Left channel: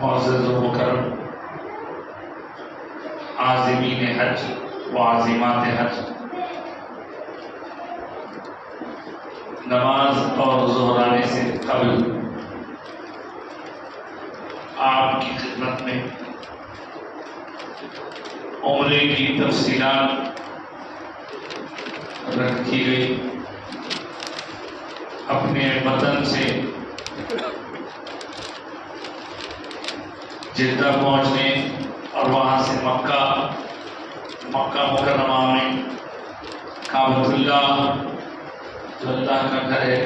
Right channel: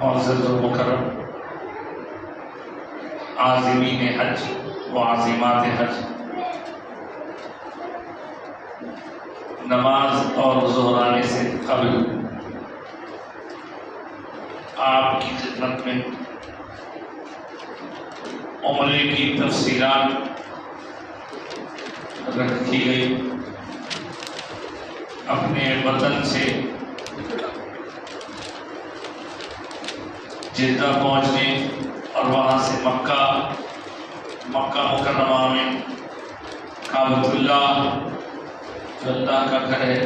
معزز و مکرم عازمین حج و عازمات حج، نماز اور ظہر آنے سے قبل آپ کی خدمت میں عمرے کی تفصیلات رکھی گئی۔ اپنے وطن سے جدہ پہنچنے اور وہاں سے مکہ مکرمہ میں کعبۃ اللہ جو اللہ کا گھر ہے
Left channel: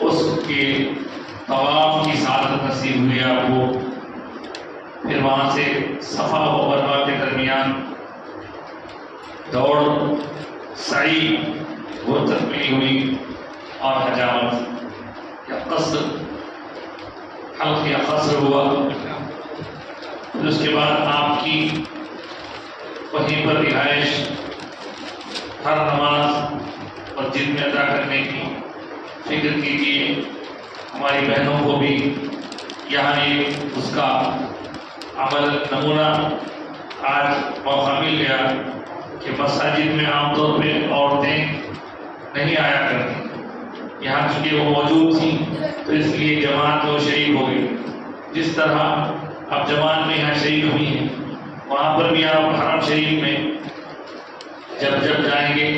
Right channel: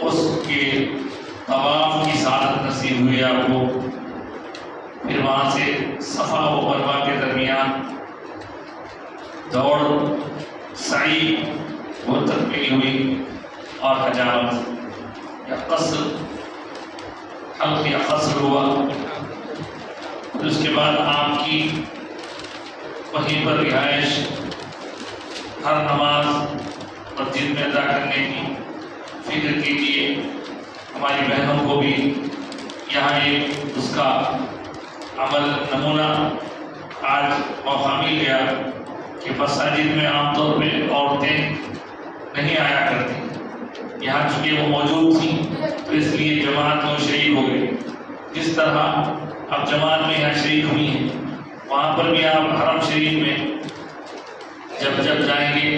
اس کے طواف کی سعادت نصیب ہوئی آپ کو۔ پھر وہاں سے صفا و مروہ کے درمیان دوڑ سعی وہ تکمیل ہوئی اور حجامت یا قصر حلق یا قصر ہوا۔ پھر اس کے بعد آپ کی وہیں پر رہائش، ہر نماز مسجد میں ادا کرنے کی فکر کیجیے۔ ہماری بہنوں کو بھی یہاں ایک اس کا عمل نمونہ آج موقع مل گیا کہ مساجد میں عام طور پہ عورتیں نہیں آیا کرتی، یہاں چونکہ وہ موجود تھیں تو اس لیے جماعت میں شریک ہو گئی۔ جس طرح اب جماعت میں یہاں شریک ہوئی ہیں، وہاں پر بھی آپ حرم شریف میں جب جائیں گے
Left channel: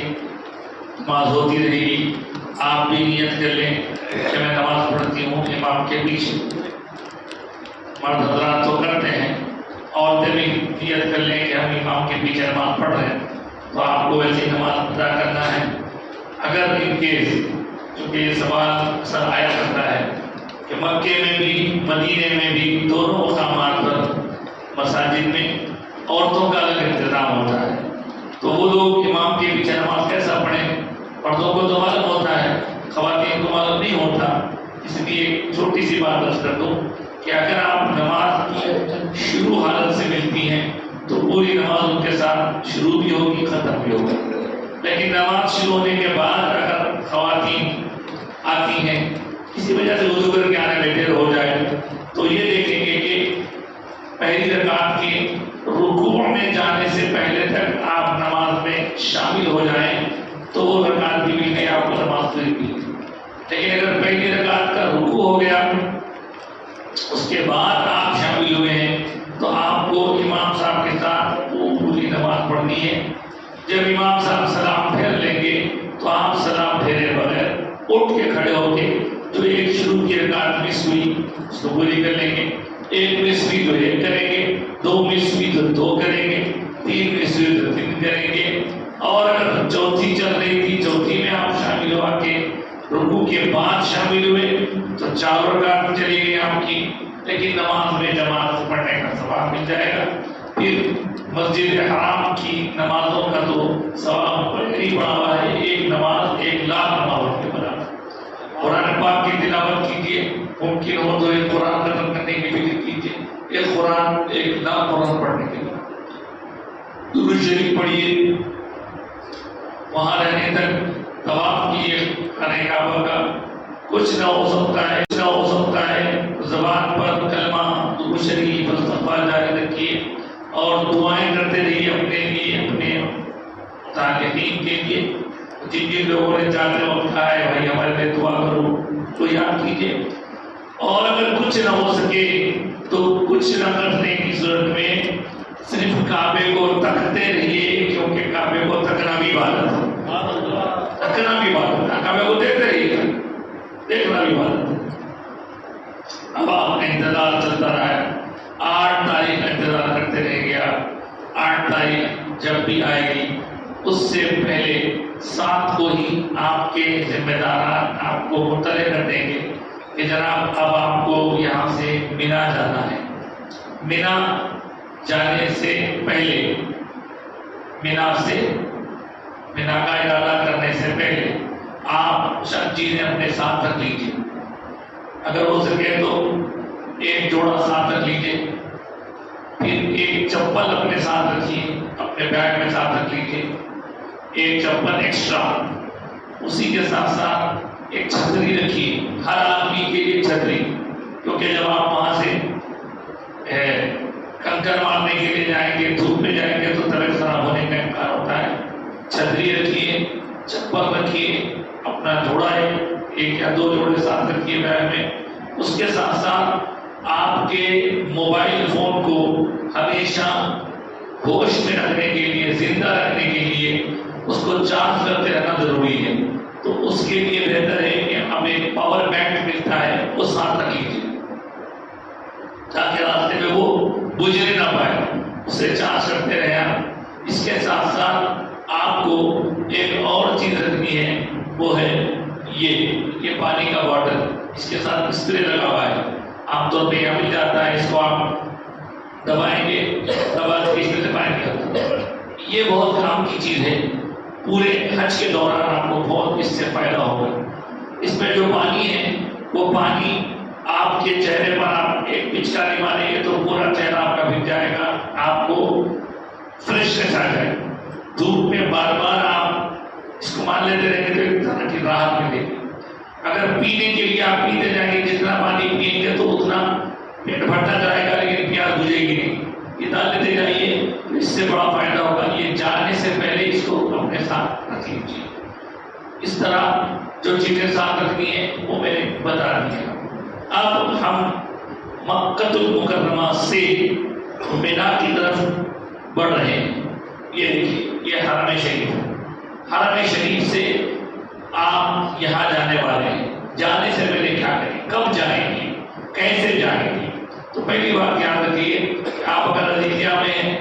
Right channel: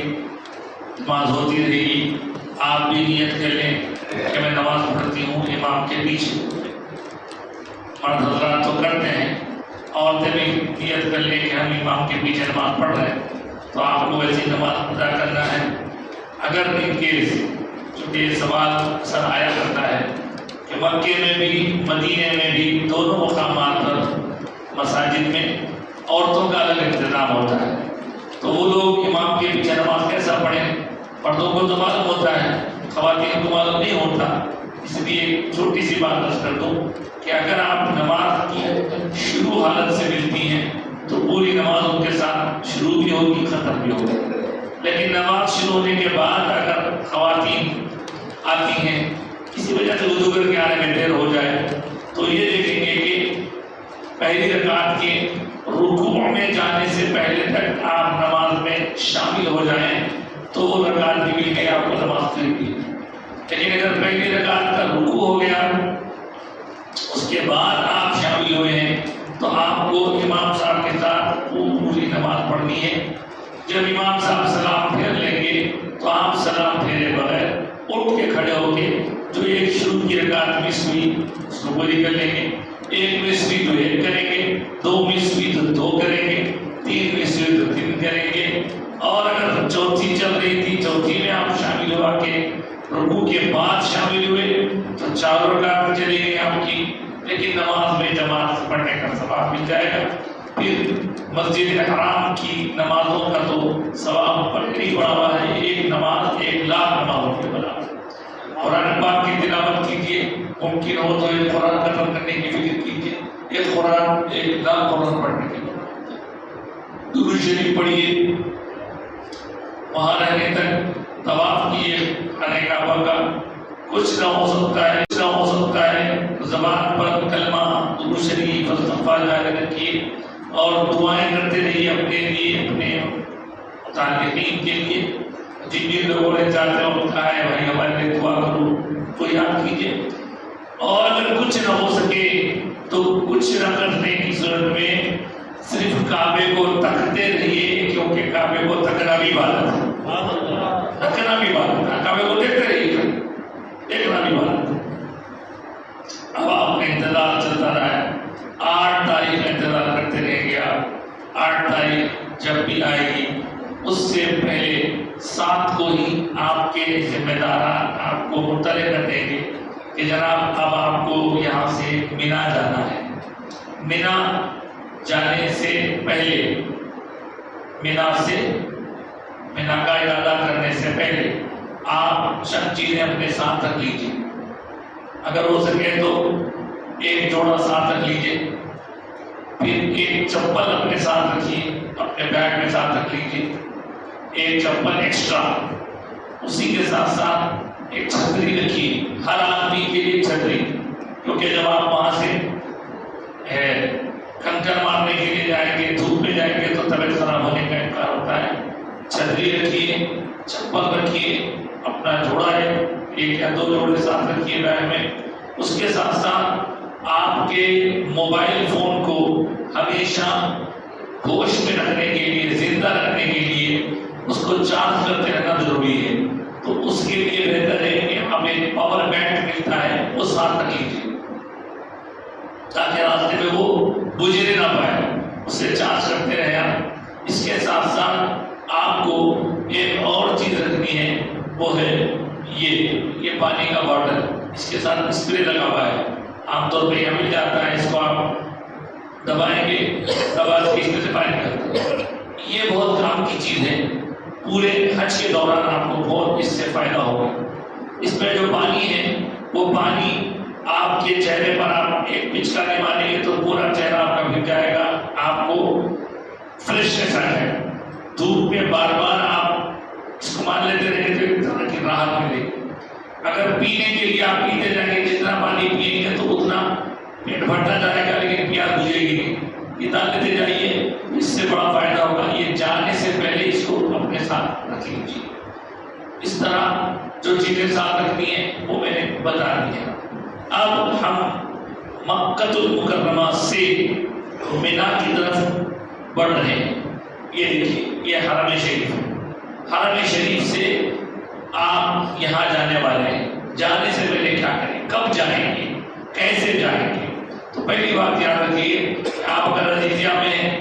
نماز ہوتی رہے گی، آپ بھی نیت کر لیں کہ میں نماز پڑھتی ہوں امام کے پیچھے۔ مرد حضرات تو کرتے ہیں، عورتیں بھی نیت کر لیں کہ ہم امام کے پیچھے نماز پڑھ رہے ہیں، تو آپ کو ایسی نماز ادا کرنا ہے۔ اگر ان کیس چونکہ یہ سوال اکثر آیا کرتا ہے کہ مکے میں بھی مدینے میں بھی دونوں مقامات پر مساجد میں عورتوں کا الگ انتظام ہوتا ہے، تو وہ لوگ امام کے پیچھے نماز کیسا پڑھیں؟ مردوں کو تو معلوم ہوتا ہے، خواتین کو معلوم نہیں ہوتا۔ اس لیے چھوٹی سی بات عرض کر دوں کہ اگر آپ نماز کی شروع حالت سے ملتی ہیں تو پوری نماز ان کے ساتھ شروع بھی ہوگی ختم بھی ہوگی، لیکن نماز شروع ہونے کے بعد اگر خواتین آتی ہیں کسی وجہ سے وضو کر کے آنے میں دیر ہو جائے تو یہ دیکھیں گے کہ پہلی رکعت کے رکوع میں جانے سے پہلے تک آپ نماز میں شامل ہو جائیں تو وہ رکعت بھی مل گئی، آپ کو نماز پوری بھی۔ لیکن اگر پہلی رکعت کا رکوع ہو گیا اس کے بعد آپ شامل ہوئے ہیں تو آپ کو امام صاحب کے ساتھ پوری نماز پڑھنی ہے۔ جب امام صاحب سلام پھیر لیں گے تو آپ سلام پھیرے بغیر اٹھ کے کھڑے ہو کے جو ایک شروع کی رکعت مس ہوئی اس کو پوری کر لیں گے، ایک مس ہوئی تو ایک کریں گے، دو مس ہوئی تو دو کریں گے، تین مس ہوئی تو تین کریں گے، اور اگر چوتھی چل رہی تھی چوتھی میں آپ شامل ہوا کے رکوع کے بعد شامل ہوئے تو چار رکعت چلی گئی آپ کی، لیکن نماز میں جماعت سے پڑھنے کا ثواب مل جائے گا۔ پھر مسجد حرام کی نمازوں کا تو ثواب پر نہیں پڑا ہوا ہے، ایک نماز 1,00,000 نمازوں کے برابر۔ قرآن پاک کی تلاوت کیجیے، ممکن ہو تو ایک قرآن ختم کرنے کی فکر کیجیے، ایک قرآن 1,00,000 قرآن پڑھنے کے لیے درود شریف پڑھیے، وہاں رہنے تک طواف کیے خانہ کعبہ کا۔ کچھ نہ ہو سکتا ہے زبان پر کلمہ درود شریف استغفار جاری رکھیے اور دعائیں کرتے رہیے اپنے لیے، اپنے متعلقین کے لیے۔ جن جن لوگوں نے جاتے ہو کہا ہے بھائی ہمارے لیے دعا کرو تو یاد کیجیے، اور اگر کچھ نہ ہو سکے تو کچھ نہ کرنے کی صورت میں صرف کعبے کو تکتے رہیے، کیونکہ کعبے کو تکنا بھی عبادت ہے، تکنا بھی عبادت ہے، کعبے کو دیکھتے رہیے، دیکھنا بھی عبادت ہے۔ اب آپ کا انتظار چلتا رہا ہے، 8 تاریخ کا انتظار کرتے رہ گیا۔ 8 تاریخ جب بھی آئے گی اس سے پہلے 7 کو ہی آپ کے ذمہ داران آپ کو مطلع کر دیں گے کہ جناب اب آپ کو یہاں سے مینا جانا ہے۔ مینا جانے سے پہلے مینا کا ارادہ کرنے سے پہلے آپ سب چیزیں اپنے ساتھ رکھ لیجیے، اگر ہو سکے تو ایک جوڑا ساتھ رکھ لیجیے، پھر ایک چپل اپنے ساتھ رکھیے، اپنے بیگ میں ساتھ رکھ لیجیے، ایک چپل ایکسٹرا، اسی کے ساتھ ساتھ ایک چھتری رکھیے، ہر آدمی کے لیے چھتری، کیونکہ جب آپ وہاں سے کنکر مارنے کے لیے جائیں گے، دھوپ میں جائیں گے تو طبیعت خراب ہونے کا امکان ہوتا ہے۔ چھتری رکھیے، چپل رکھیے، اپنا جوڑا ہے ایک یا دو جوڑے ساتھ رکھیے بیگ میں۔ اس کے ساتھ ساتھ آپ کے موبائل فون کو ہمیشہ ہوش میں رکھنے کے لیے، زندہ رکھنے کے لیے اس کو چارج کرتے رہنا ضروری ہے۔ تو اس کے لیے بہتر ہے کہ ہمیں پاور بینک ملتا ہے وہ ساتھ رکھ لیجیے تاکہ راستے میں وہ بجھنے نہ پائے، اسے چارج کرتے رہے آپ۔ اس کے ساتھ ساتھ آپ کو ایک اور چیز رکھنی ہے، وہ ہے یہ پانی کا باٹل، اس کے ساتھ اسپرے لگا ہوا ہے، عام طور پہ یہ مل جاتا ہے، اس کو آپ دبائیں گے، دبا کے اس میں سے پانی نکلتا ہے۔ یہ بہت کام کی چیز ہے، پورے حج کے دوران آپ کو بہت اس سے فائدہ ہوگا۔ اس میں جو پانی ہے وہ پانی آپ کے چہرے پر آپ ایک پچکاری ماریں گے تو پورا چہرہ آپ کا بھیگ جائے گا، آپ کو فریشنس آ جائے گا۔ دھوپ میں بار بار آپ استعمال لیتے رہیں گے تو ایک طرح کی راحت ملے گی۔ اگر پینے کے لیے آپ پیتے جائیں گے، جتنا پانی پئیں گے تو اتنا پیٹ بھرتا جائے گا لیکن پیاس بجھے گی نہیں۔ یہ دال لیتے جائیے، اس سے بڑا فائدہ ہوگا۔ یہ جانے سے پہلے اس کو اپنے ساتھ رکھ لیجیے۔ اس طرح جو چیزیں ساتھ رکھنی ہے وہ میں نے بتا دی ہے۔ اب ہم مکہ المکرمہ سے مینا کی طرف بڑھ رہے ہیں۔ یہ دیکھیے، یہ حرم شریف ہے۔ حرم شریف سے آپ یہاں جانے والے ہیں، جانے سے پہلے کیا کریں، کب جائیں گے، کیسے جائیں گے؟ تو پہلی بات یاد رکھیے کہ آپ اگر عزیزیہ میں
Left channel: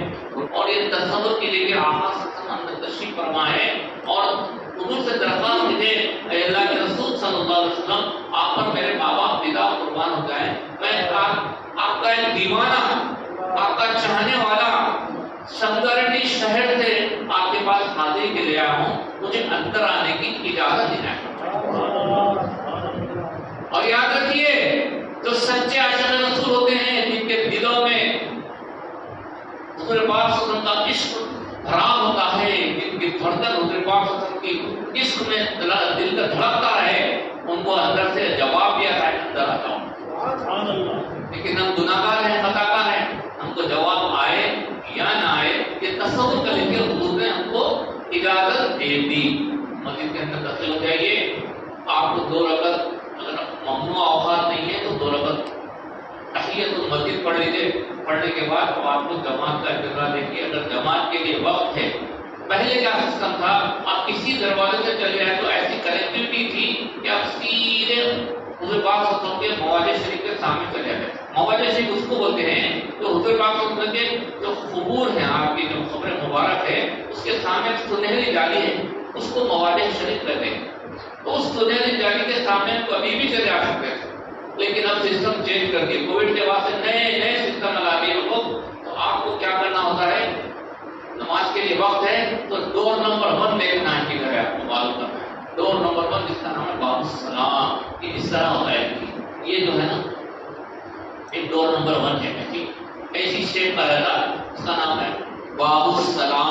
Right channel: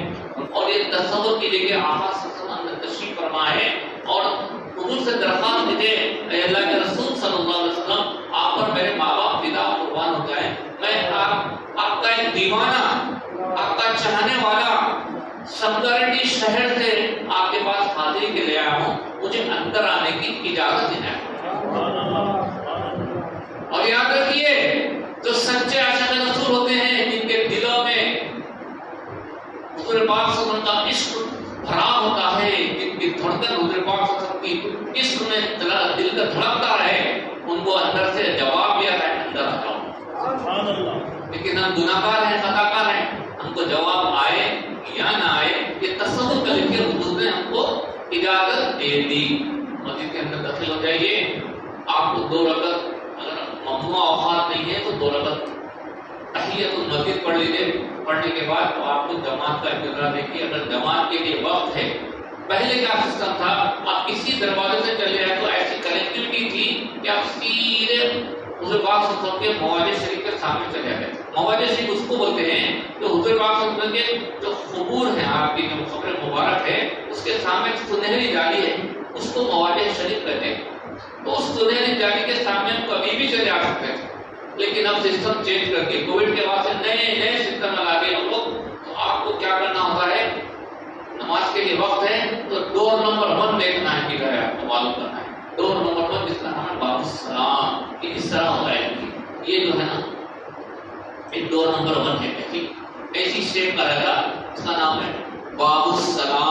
اور یہ تصور کیجیے کہ آقا صلی اللہ علیہ وسلم تشریف فرما ہے اور حضور سے درخواست کیجیے، اے اللہ کے رسول صلی اللہ علیہ وسلم، آپ پر میرے ماں باپ پتا قربان ہو جائیں، میں آپ کا ایک دیوانہ، آپ کا چاہنے والا سمدرٹی شہر سے آپ کے پاس حاضری کے لیے آیا ہوں، مجھے اندر آنے کی اجازت دینا ہے۔ اور یاد رکھیے، جو سچے عاشق رسول ہوتے ہیں، جن کے دلوں میں حضور پاک صلی اللہ علیہ وسلم کا عشق بھرا ہوتا ہے، جن کی دھڑکن حضور پاک صلی اللہ علیہ وسلم کی عشق میں دل کا دھڑکتا ہے، ان کو اندر سے جواب یہ ہے، اندر آ جاؤ۔ لیکن ہم گناہگار ہیں، خطا کار ہیں، ہم کو جواب آئے یا نہ آئے، یہ تصور کر کے حضور نے ہم کو اجازت دے دی۔ مسجد کے اندر داخل ہو جائیے، آپ کو 2 رکعت، اگر ممنوع اوقات نہیں ہے تو 2 رکعت تحیت المسجد پڑھ لیجیے۔ پڑھنے کے بعد آپ کو جماعت کا انتظار دیکھیے۔ اگر جماعت کے لیے وقت ہے، پہلے کیا سسٹم تھا، آپ کسی دروازے سے چلے آئے تو ایسی کنیکٹیوٹی تھی کہ آپ سیدھے حضور پاک صلی اللہ علیہ وسلم کے مواضع شریف کے سامنے چلے آئے۔ مواضع شریف اس کو بولتے ہیں جو حضور پاک صلی اللہ علیہ وسلم کے جو قبور ہیں، آپ کی جو قبر مبارک ہے، اس کے سامنے سنہری جالی ہے، اس کو مواضع شریف کہتے ہیں۔ تو اس سنہری جالی کے سامنے ہم کبھی بھی چلے آ سکتے ہیں، لیکن اب سسٹم چینج کر کے کووڈ کے بعد سے نئے سسٹم لگا دیے لوگ۔ تو آپ کو کیا کرنا ہوتا ہے، نماز کے لیے وقت ہے تو ڈور نمبر 1 دیکھنا ہے، کدھر ہے آپ کو معلوم کرنا ہے۔ ڈور نمبر 1 جس کا نام ہے باب السلام، یہ اس طرح ہوتا ہے، یہ جو ہے نا ایک ڈور نمبر 1 ہے، ٹھیک ایسی شیپ کا رہتا، اس کا نام ہے باب السلام۔